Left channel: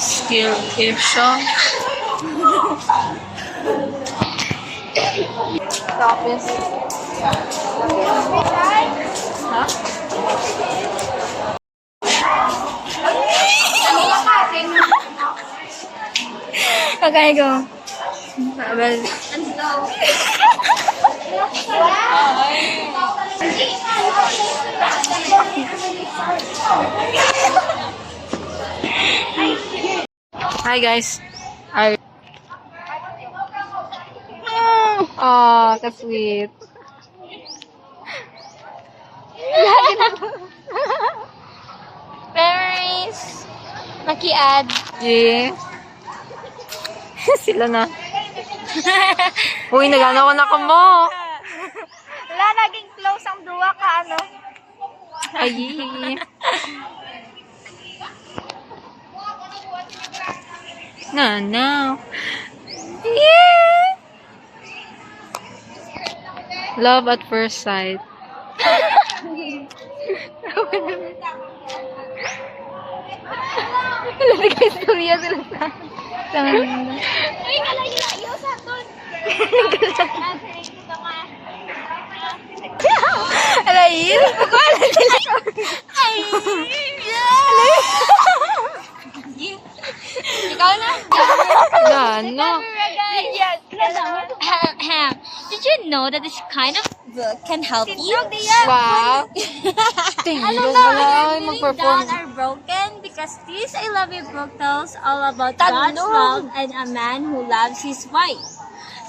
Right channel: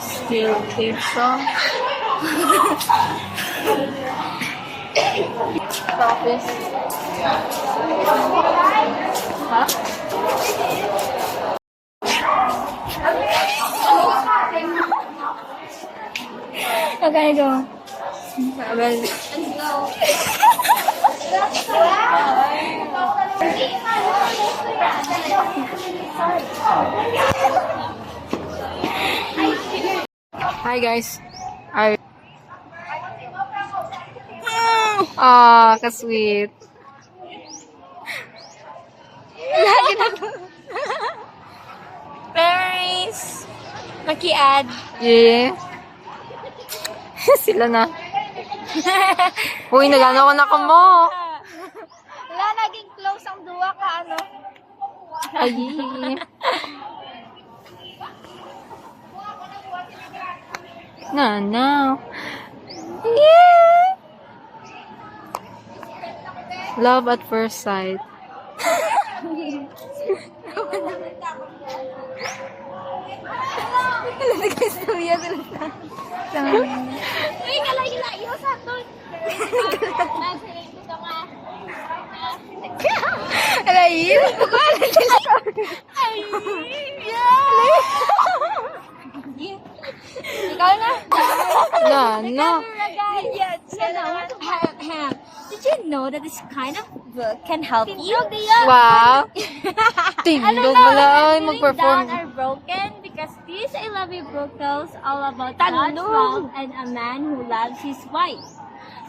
Skill issue. Office. Huh? Okay, go. Well, hi guys. Are ka-sweet. Memories. Maki-add. Yeah. Sila na. Uy, nagano ko na ka mo. Wala, naging close ang duwa ka, ano? Ay. No. Yeah. Love at first sight. Wala na kayo istorya sila sa... Ay, kalayo sa doon. Alayin? Pagkala sila. Ay! Ikaw na. No. Did you know that this kind of book can help you? Wow. I don't know if you're feeling Mag-perform. down or broken because this I Love You book tells all about God's love and a man who loves his wife.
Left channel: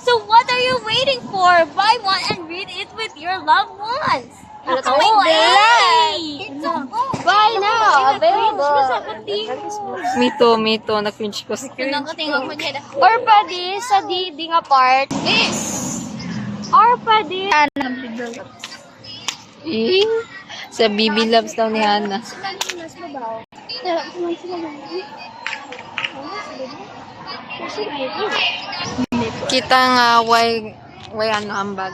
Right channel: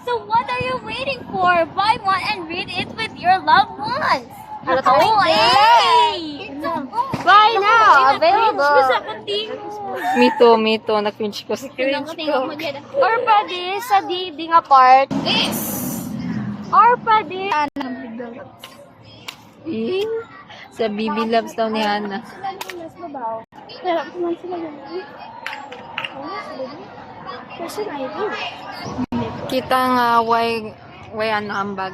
So what are you waiting for? Buy one and read it with your loved ones. Buy now. Available. Me too. Na-cringe ko. Or pwede sa di nga part. Or pwede Sa BB Loves daw ni Hannah. Kita nga way ano ambag.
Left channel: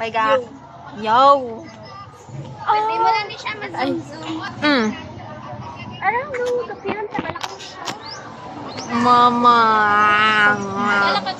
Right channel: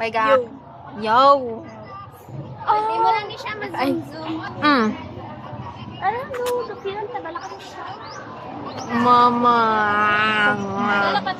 Paiga. Yo. Pwede mo lang di siya mag-zoom. I don't know. Kapiran ka balak mo siya. Mama. Balak ka.